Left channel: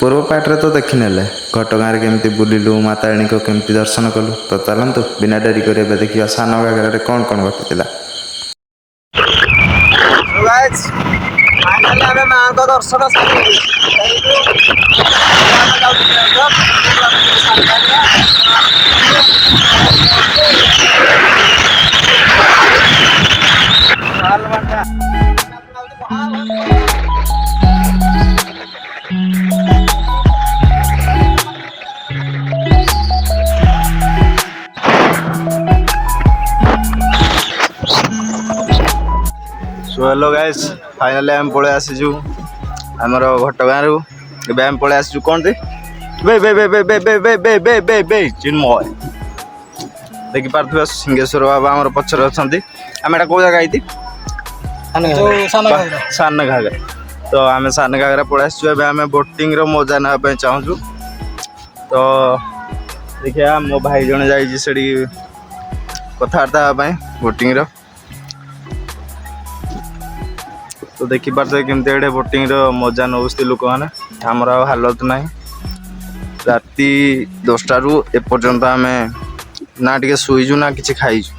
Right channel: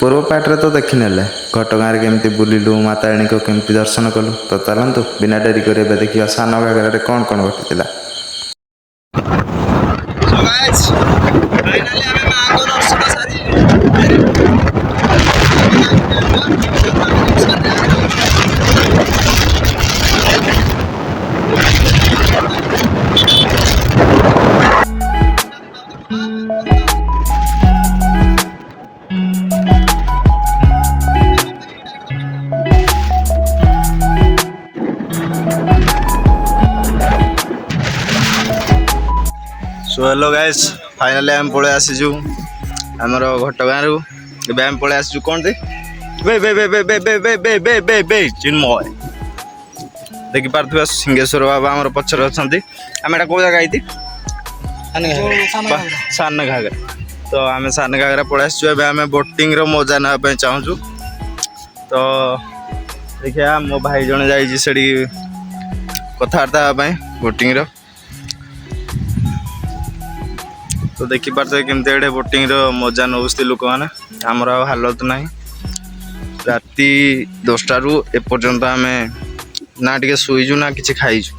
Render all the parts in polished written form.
पूर्व पार्टे तो देखी नेले घटगाँ केमती बुलिलु माताराणी को केमती दर्शन कलु तो चलतु बिना डेरी कर देखिए सान घाघर कौन कौन घटी हेलो गाइस फाइनली आम पळे आसीजु हमर घटगाँ रु एबे आम पळे आसीजु कोन दे बे बे बे बे बे बे बे बे बे बे बे चिन्मय देखि पारथुआ सिंहेश्वर बाबा हमर पछर अछंती आमेटा को जगह आइती सान घाघरा तो आमे सान घाघरा पळे आसीजु एबे आमे बोटिंग रो मजा ना पे चाहजु तो देखिया मो भाई जण जाई जी सेडी कथार्ता पे बोटिंग रो तो देखी पार्थे केमती एडे बोटिंग रो मजा नौस्ती लोक मैंने आमर हालत ना राति 10टा रु एपर्यंत आम ना टे शुईजु ना कि खाईजु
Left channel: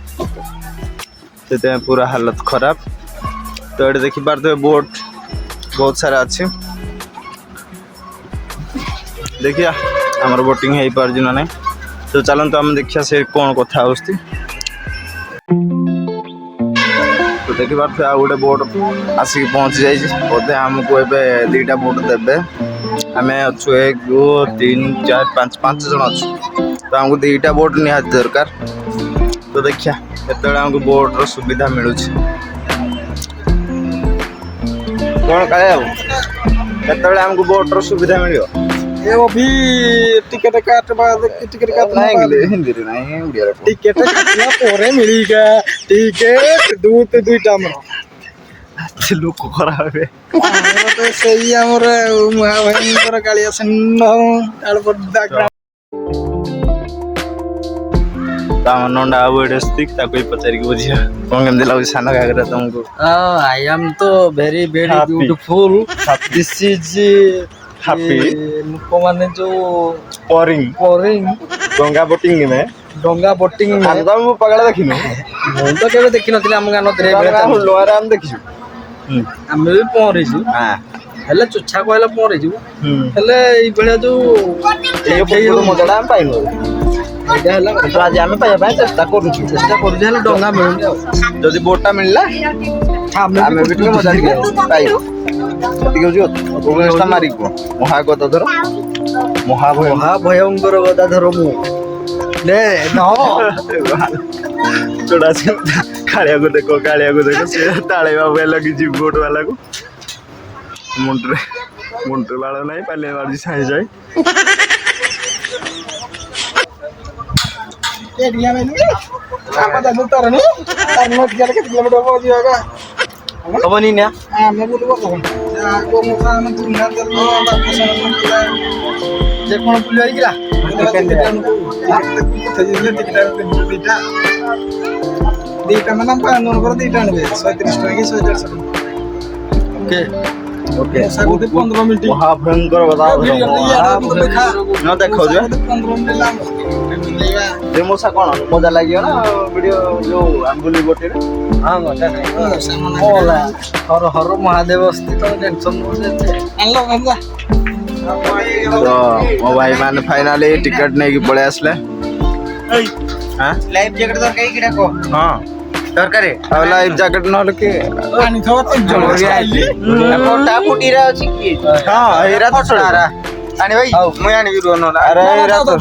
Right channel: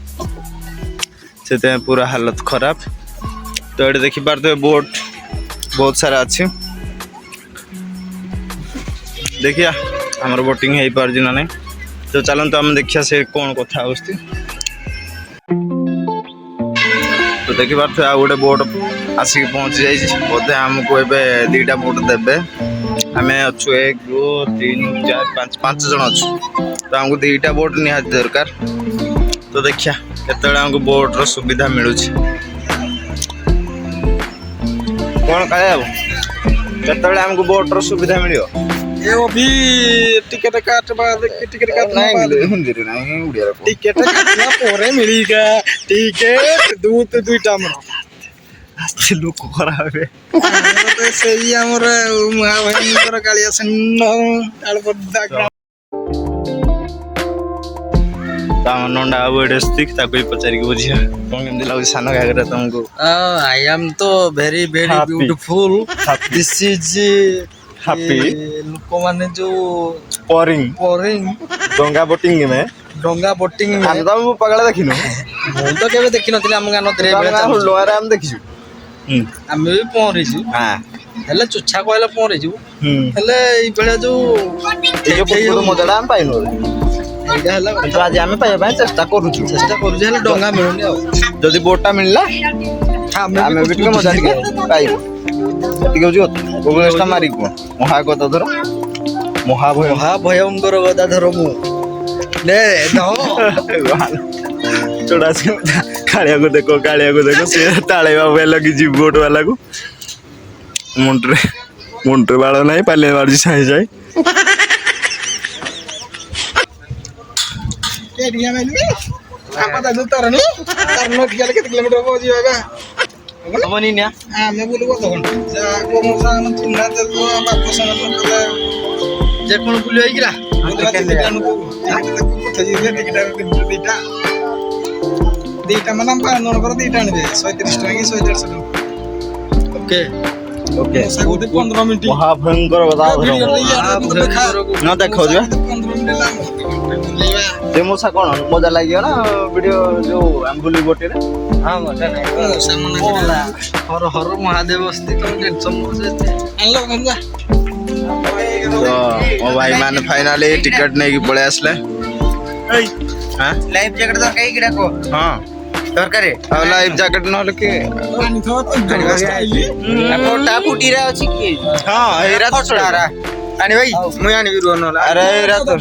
से पूरा हालत खराब तो ये देखी पार्थे बोट बहुत सारा अच्छे देखिया आमर बोटिंग हो पार ना नहीं तो चलते आम देखिया से कौन कथा आसती देखी पार्थे आ गोटे बोट आसिक पहुँची जाइए बोधे आमको ए दुईटा बोट देवे आम अच्छु 1 2 3 4 5 5 जन अच्छु तो आमको दुईटा बोट निहाती दरकार तो देखिया केतबेले आमको बोट्र सुविधा मिलूँ कौन काले केतबेले आमको बोट्र सुविधा मिल अभी टिकट काट टिकट काट हिंदी नहीं उड़िया टिकट काटना पोरे मिलेगा टिकट दूत दुईटा में लोक खराब है तो सही हमर महाभाई कालिया सन्न आलपड नंडा स्टिक पचारि बुझे कौन केमती लगे सान घाघरा तुमको आई एम तो very very beautiful this is happy लोक माने जो पोरिंग डंगा बोटिंग में हम तो पगला देखिनु हम तो केबे देखि नथिला हम गानो द्रे बेले लोहारे हम देखिछु हम भी पहरिछु हां हेले चुच्छा कहला पहरिछु हेले ई बेले जो ये मजाला हम पाइनु तो आज आम पाइबा चेष्टा करूँ हेले डंगा मिलुनी जदि बोटा मिलला आम भी टे मजा पाइब ठीक मारिक महागदा धर महाभयंकर गदा धर मु कालिया को देखो से ताले बाबू लगी जी बोट वाला को मुंट्रे बाड़ ना पाले बाड़ी साई जाए कौन बुलिया दीटा मैंने दीटा आने 130 टका कि 150 ओके ओके 15 मिनट महाभयंकर ना देखो जो 15 मिनट मशा कौन मजा लगे ना वीडियो जो आंबुली बोटे हाँ मजा नहीं बोला हर हर महादेव अस्ति तो टेंशन मो भाई मान फाइनाली टिकट नहीं पड़े आसले हां लाइफ जैकेट तो कई गिरा को हां दरकार अब लाइफ जैकेट न लके पानी थोड़ा तो कोटा फुटीरा अछि की हां हेरा तो छोड़ा आने भाई मैं आने बिरु न अरे हेरा तो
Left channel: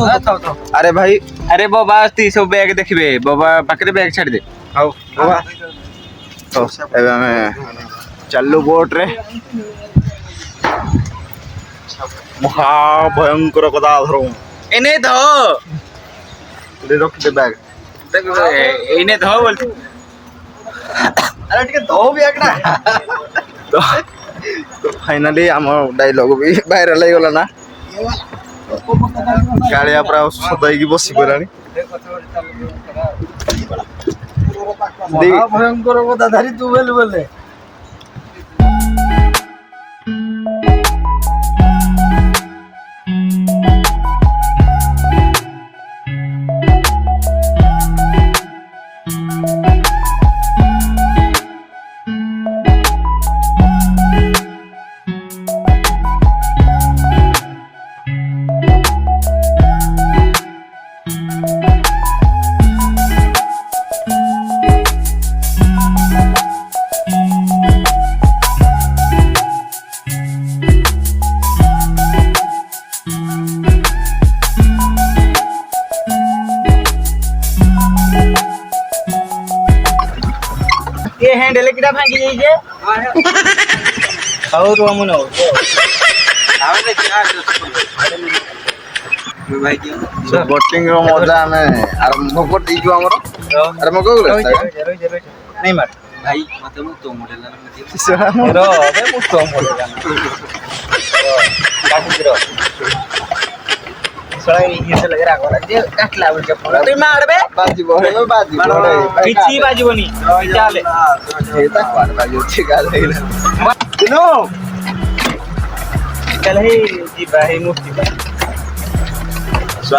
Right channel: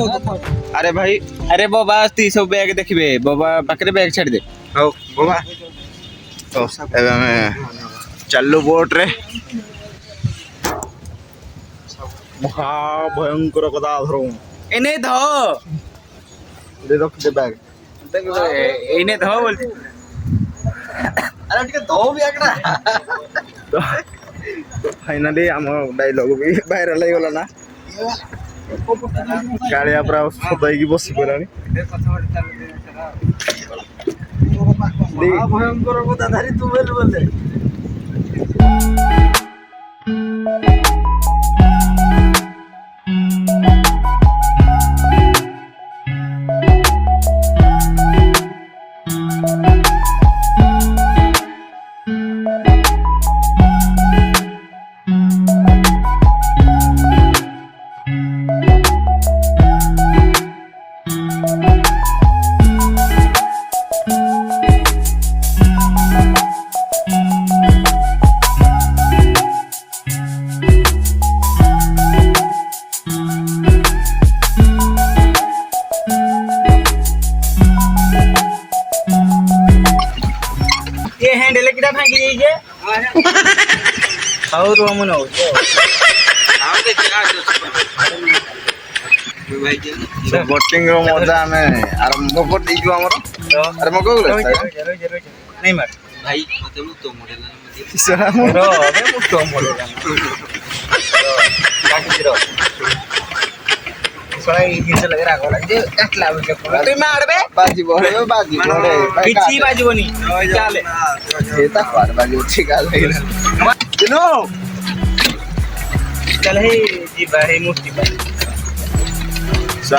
अरे भाई अरे बाबा अस्ति सब बैग देखबे बाबा पाकरे बैग छाड़ दे हां बाबा तो एबे हमें चलू बोट रे महा भयंकर कदा धरो एने धो ले रख दे बैग एने धो बोल अरे ठीक धो भी आकड़ा तो फाइनली हम डायलॉग भी वायरल हो गला ना କାଳିଆ ପୁରା ଅସୁସ୍ଥ ହେଇକି ବସି ପଡ଼ିଲାଣି। ଭୟଙ୍କର କଥା ଧରି ତୁ ବେଲେ ବେଲେ ହ୍ୟାଣ୍ଡେଲ କିଟା ଭାଙ୍ଗି ଯାଇଛେ ହଉ ରୁହ ମୁଁ ନଉ ବୋଟିଂ ର ମଜା ଆମେ ଆରମ୍ଭ କରିଦେଇଛୁ ଆମର। ଆରମ୍ଭ କରୁ ନାଇଁ ମାର ଭାଇ ମତେ ମୁଁ ତ ମୋଡେଲ କିଛି ବାଜିବନି ଚାଲେ ଚାଲେ ହେଇ ଯିବା ହେଇ ମୂର୍ତ୍ତି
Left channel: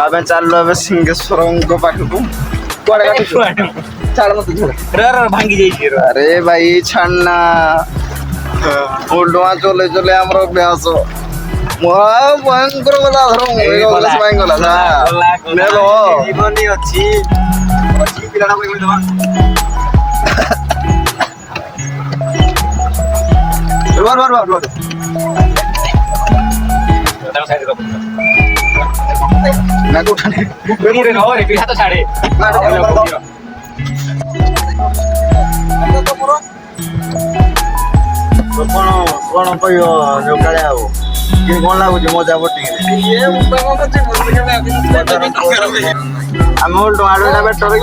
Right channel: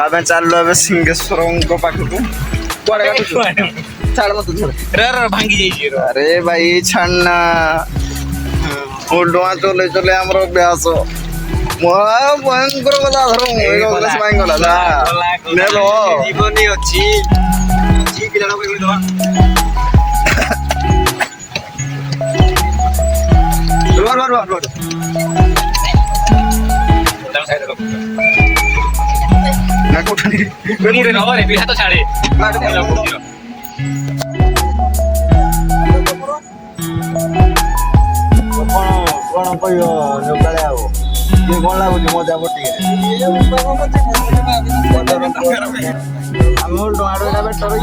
ଆମେ ଚାଲୁ ଏବେ ସିଙ୍ଗେଶ୍ୱରଙ୍କ ପାଖକୁ। କୁଆଡେ କାଟୁଛୁ? ଛାଡ ମତେ ଛାଡ। ଭାଙ୍ଗି ଯାଇଛି ଆରେ ଭାଇ ଛାଡନା ଡୁଆ ଚଲେଇ ଚଲେଇ ଆମର ଅଭ୍ୟାସ। ଭୟଙ୍କର କଥା ଜୀବନୀ ଅଛି ପିଲାଟା କହିଦେବା ପିଲା ତ ଛାଡେ କଣ କହିବ ଯୋଗାଳି ଆଉ କଣ ଲାଗୁଛି ମଜା ବୋଟିଂ ଆମେ ଡୁଆଡୁଆ ବେଟର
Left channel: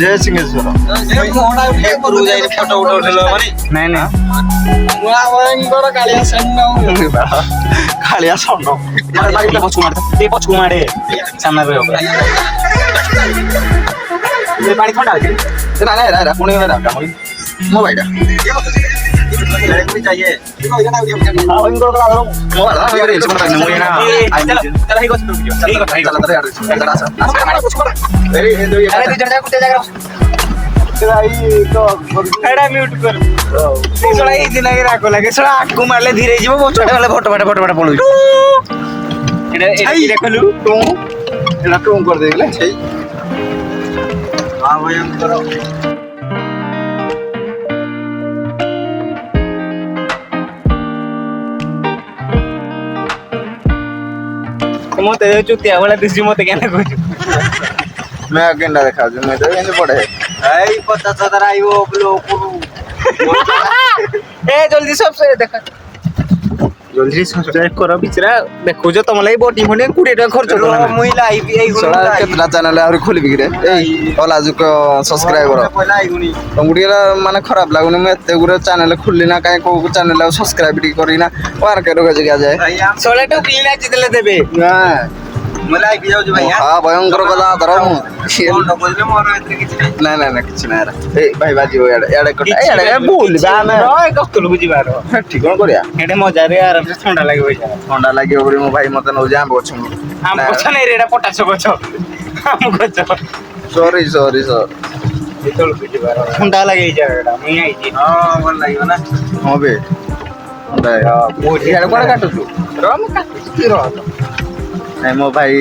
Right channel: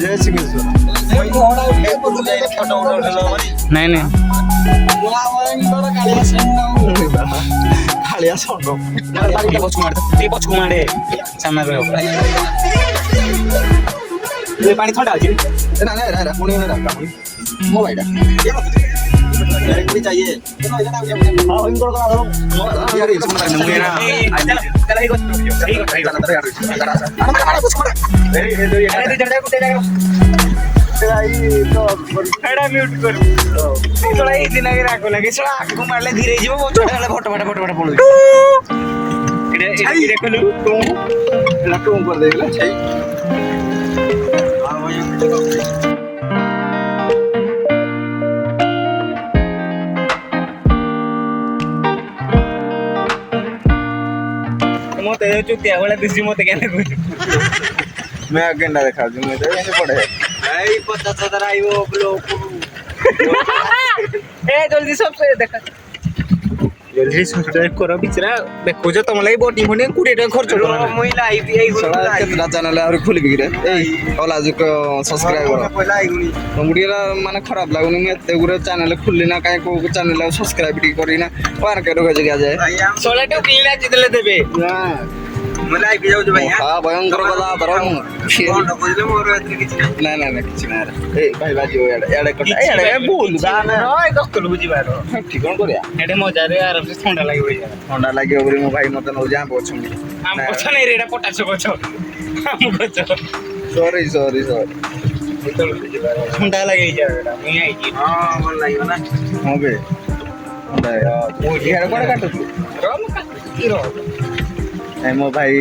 ଜୟ ସିଙ୍ଗେଶ୍ୱର ଫଟୋ ଉଠେଇଲ ନାଇଁ ନାଇଁ କାଳିଆ ଷଣ୍ଢ ପଛକୁ ମାଡେ ସାମ୍ନାରେ ପାଣି ଥଣ୍ଡା ଅଛି ପୁଣି ମୋ ଭାଇଟା चाहिए ଆଗକୁ ମାରିଲେ ଧୀରେ ଯିବ ଛାଡେ ଗଲେ ଫଟୋ ଫଟ ଫଟୋ ଫଟ ପଳଉଛି କରିଦେଇଗଲେ ମତେ ଚୁତିଆ ଭଳିଆ ଦିଶି ମତେ କେନ କହୁଛୁ मैं गेंडा देखा जो मैं तो एंड पड़े এই 50,000 আইবো বলো এ জলদি সবসে দেখা জলদি সবস্ক্রাইব করো বিচরা দেখুছো তোম লাগি বটি ফনি 20 টাকা খরচ করো মুই লাইভ এই গুলো केतना चैनल आउरी खोली बिगड़े ओला जो सब्सक्राइबर পয়লা আইগুনি तमगुडिया माने खराब लागुनी मैं एते गुरे चैनल खुलली ना काई को चैनल सब्सक्राइब टी करी ना पार के रोगे जगह जाए 16 টো কিনা জিতলে দেবে ना মই লাইভ যাউছো ভাই हां भयंकर बला धरम কোন কইলে মোর এত কিছু নাই ना ना ना किछ ना ए भाई बाजी हो याडे याडे कटा याडे बोल बा मैं রয় কষ্টলু বুঝিবার ठीक कोन करिया এডে মজারে আরামসে ঠান্ডা লাগবে ठंडा लागे ओरी मो भाई मते न जाम बछु আম গছ নাই রে এটা পটাশ গছ আম গছ सॉरी सॉरी सर ঠান্ডা লাগে এই জায়গাটা মুই আইছি हां ভাল লাগিব ना हां बे याडे कोन काटु तू রম কাটি র ନାଇଁ ମୋ ଭାଇ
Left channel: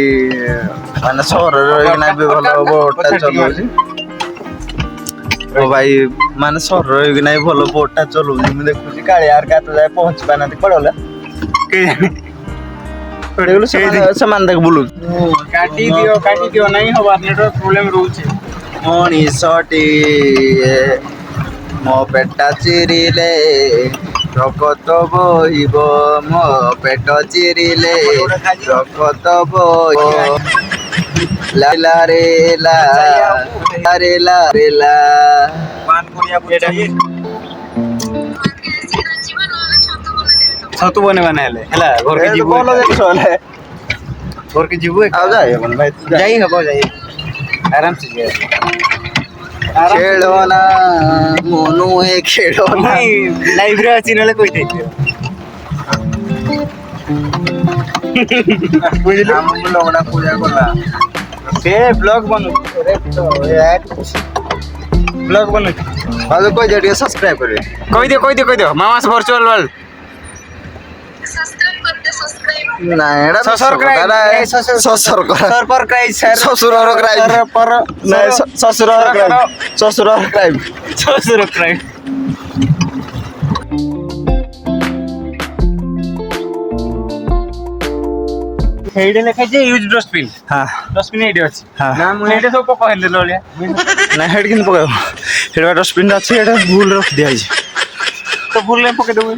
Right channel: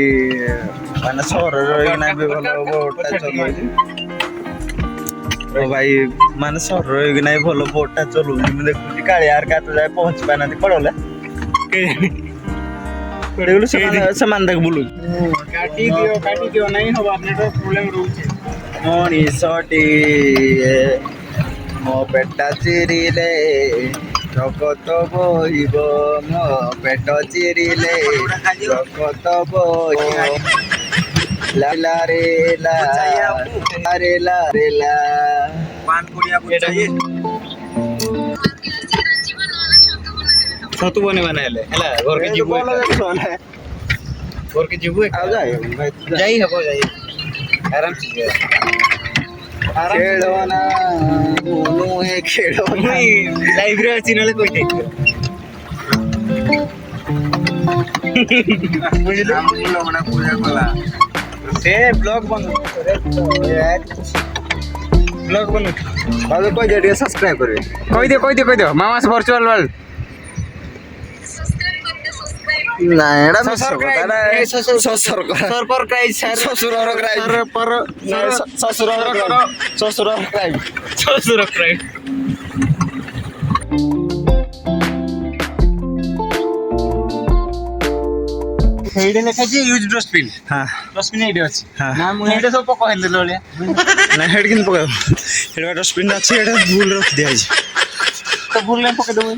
ମାନେ ସହରରେ ରହିକିନା ବି ଭଲ ବୋଟଟା ଚଲଉଛି ମୋ ଭାଇ ମାନେ ସହରରେ ରହିକିନା ବି ଭଲ ବୋଟଟା ଚଲଉଛି ମୁଁ ଦେଖୁଛି କାଳିଆ କାତ ଯାଏ ପହଞ୍ଚି ପାରୁନାହାନ୍ତି ପଡଲା କେହି ସେମାନେ ଦେଖ ବୁଲୁଛି କାଟି ଦିଅ ନାଇଁ ହବା ନେଟୱାର୍କ ପ୍ରୋବ୍ଲେମ ରହୁଛି ମଣିଷଟି ମୋ ପେଟା ଚିରିଲେ ରକତ ବହିବ ମୋ ପେଟ ଚିରିଲେ ରକତ ବହିବ ଲା ରେ ଲା ରେ ଲା ରେ ଲା পান করিয়া বুঝাই ছতু বনে বানাইলে হেলা ঘরকে ଏ ଯିବୁ ଭଲ ଜିନିଷ ହେଲେ ଘରକେ ଯିବୁ ଆଉ ଯାଇ ହେବନି ଭାଇ ଯାଇ ହେବ ଯାଇ ଆରାମ ସେ ଯିବା ଖେଳ ନା ମନୁ ହେ ଖେଳ ନା ଲାଇଭରେ ଅଛି ନହେଲେ କହିଦେ ବୁଝିଲୁ ଆମ ଲୋକଟା ପୂଜା କଲା ସେ ବ୍ଲଗ ବନୁ ବ୍ଲଗ ବନୁ ଆଉ କହିଦିଅ ଟିକେ ସବସ୍କ୍ରାଇବ କରିବେ କହିଦିଅ ମାମାସ ଭର୍ଚୁଆଲ ୱାର୍ଲ୍ଡ ନା ଏଟା ଶ୍ୱଶୁର କ୍ରାଇମ ଶ୍ୱଶୁର ସର କ୍ରାଇମ ଶ୍ୱଶୁରର କ୍ରାଇମ ଶ୍ୱଶୁରର କ୍ରାଇମ ଶ୍ୱଶୁର କ୍ରାଇମ ହେଇଡେ ଲେଖାଇছে ୟୁଜ ଡଷ୍ଟବିନ୍ ହଁ ଡଷ୍ଟବିନ୍ ଏଇଠି ଅଛି ହଁ। ନା ମୁଁ ହେଇଡେ ସବୁ ପକାଇଲି ଲଳିଆ ନା ହେଠି କିନ୍ତୁ ପକାଇବ ହେଠି ଡଷ୍ଟବିନ୍ ଅଛି ଏଟା ଭୁଲ ରଖିଦିଆଯାଇଛି ତ ଭୁଲ ପକେଇଦେବୁ